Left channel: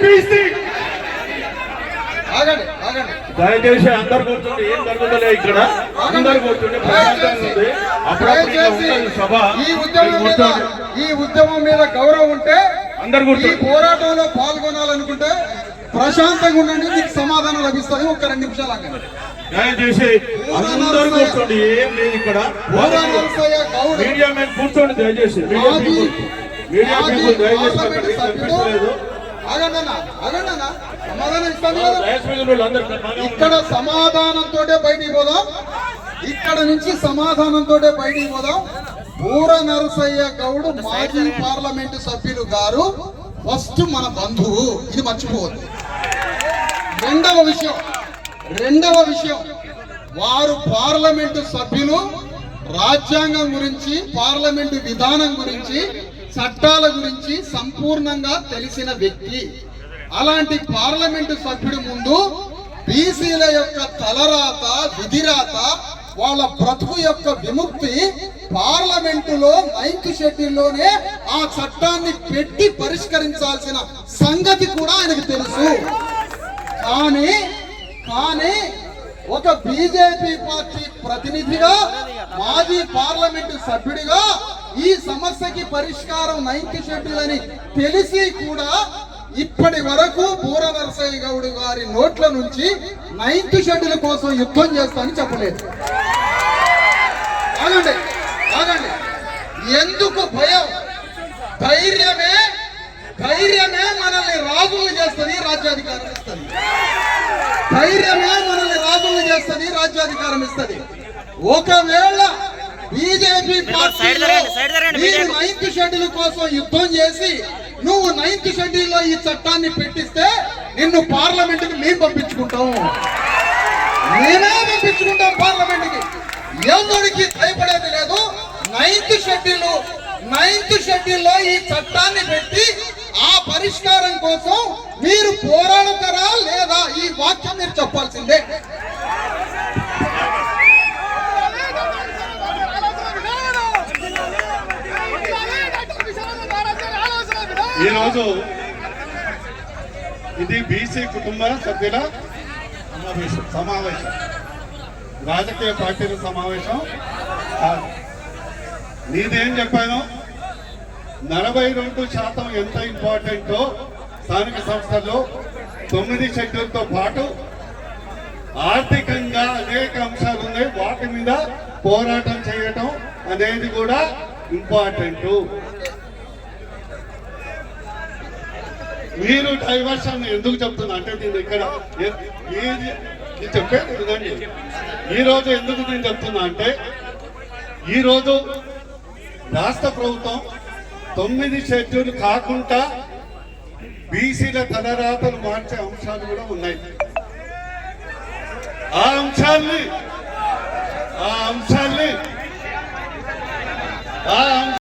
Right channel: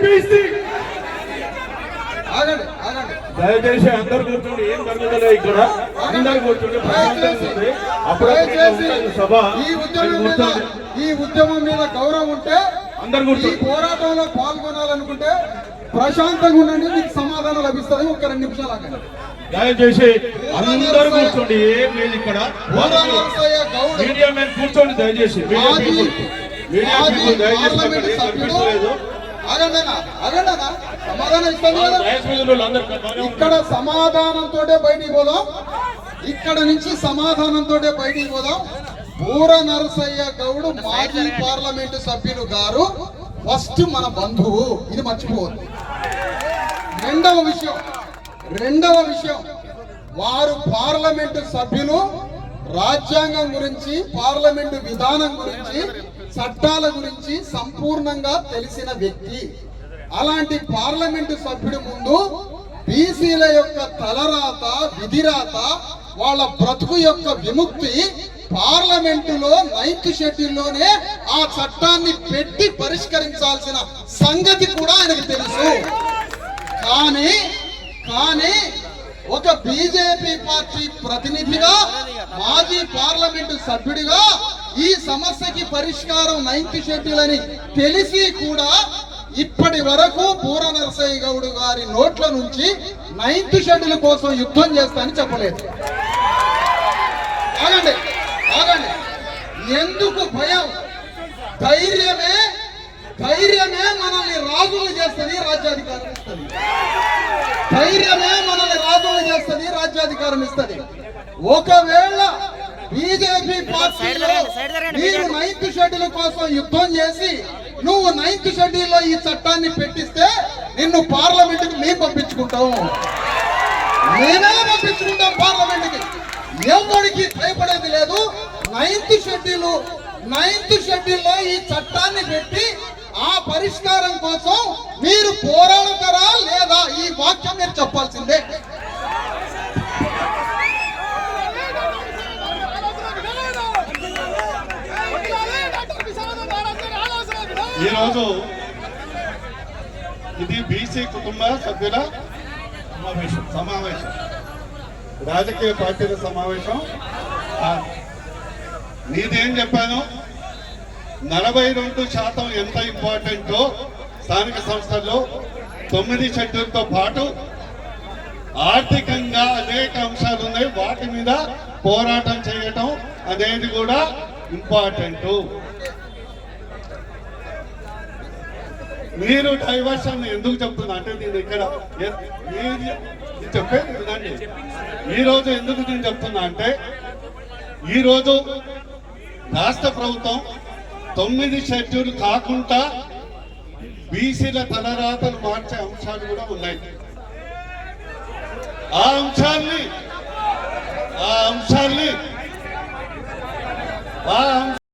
BC ఆగండి ఆగండి. దయచేసి అందరు కూర్చోండి. ఏం జరుగుతుందో ఇక్కడ అందరు కూర్చోండి. దయచేసి ఉంటుంది సభ. ఈ ఉద్యమం మీద. ఈ ఉద్యమం మీద గౌరవం ఉంటే అందరు ఈ కూర్చోండి పోరాటంలో పాల్గొనాలనుకుంటే ప్రశాంతంగా ఉండండి మీకు సమాధానం లభిస్తాయి ఒక రెండు నిమిషాలు ఆగండి. దయచేసి అందరూ కూర్చోండి. ఏం లేదు ఇక్కడ. మీడియా మీద కూర్చోండి. దయచేసి మీడియా దయచేసి ఇక్కడ సమాధానంతో బయటికి పోదాం. ఇక్కడ నుంచి సమాధానంతో బయటికి పోదాం. పూర నరసయ్య గౌడ్ మాజీ పార్లమెంటు సభ్యులు గారు ఫస్ట్ మన బంధువు. ఇది మర్చిపోవద్దు. రెండవ విషయం రెండవ విషయం. వారు పార్లమెంటు సభ్యులు. రాజ్యాంగం గురించి పార్లమెంటు విధానం గురించి చట్టాల గురించి సంపూర్ణంగా తెలిసిన వ్యక్తి. అలాంటి పార్లమెంటు సభ్యుడి ముందు బీసీల యొక్క తలరాత విధిరాత వాళ్ళ బ్రతుకు యొక్క విముక్తి పార్లమెంటులో మైక్ షెడ్యూల్లోనే ఆ చట్టాన్ని పెట్టి పరిష్కరించాల్సిన సంగతి కూడా ఆయనకు తెలుసు. కానీ కానీ ఒక బీజేపీ పార్టీ ప్రతినిధిగా మాజీ పార్లమెంటు సభ్యుడిగా ఈ సమస్యకి పరిష్కారం నైన్త్ షెడ్యూల్ అని తెలిసి కూడా ఇప్పటి వరకు బూర నరసయ్య గౌడ్ గారి నోట్ల నుంచి నైన్త్ షెడ్యూల్ కోసం యుద్ధం చేస్తానని చెప్పలేదు. ఆగండి ఆగండి. ఎందుకు భయం? ధైర్యమే ధైర్యమే మనల్ని రాజులు చేస్తుంది రాజ్యాధికారం ఇస్తుంది. ధైర్యమే మనల్ని రాజులు చేస్తుంది రాజ్యాధికారం ఇస్తుంది. ఒకవేళ బీజేపీ. నైన్త్ షెడ్యూల్ కోసం యుద్ధం చేసి నువ్వు నైన్త్ షెడ్యూల్లో ఈ చట్టాన్ని పెట్టిస్తే నిన్ను పార్లమెంట్కి మేము పంపించుకుంటాం. మేమే పంపించుకుంటాం పార్లమెంట్కి ఎవరికి భయపడేది లేదు. నైన్త్ షెడ్యూల్ నైన్త్ షెడ్యూల్లో ఈ చట్టాన్ని పెట్టి ఆ పరిష్కారం కోసం మీరు పోరాడతారా లేదా ఈ వాక్యం మీరు చెప్పాల్సిందే ఈరోజు ఇది బీసీ కుటుంబ సభ్యుల సమావేశం సమావేశం. రాజకీయ పార్టీల సమావేశం. నేనేం చెప్పాను? నలభై రెండు శాతం ఎంత ఇంపార్టెంటో స్థానిక సంస్థల్లో తొమ్మిది షెడ్యూల్తో పాటు ఆర్థికంగా అనేక అంశాలు ఉన్నాయి. వాటి మీద పోరాటం చేయటం అనేది కూడా ఇంపార్టెంట్ మీరు డైవర్షన్ ఎందుకు చెప్తున్నా? అంటే నేను ఇక్కడ ఏ- ఈ- చెప్పేది వినండి. ఈ రోజు ఎందుకు నేను చెప్తున్నా అంటే ఈరోజు రాష్ట్ర ప్రభుత్వం తొమ్మిది షెడ్యూల్ కాకుండా బీసీల తలరాతలు మార్చే అంశాలు కూడా ఉన్నాయి. ఆ అంశాల్ని ఆ అంశాల్ని ఆ అంశ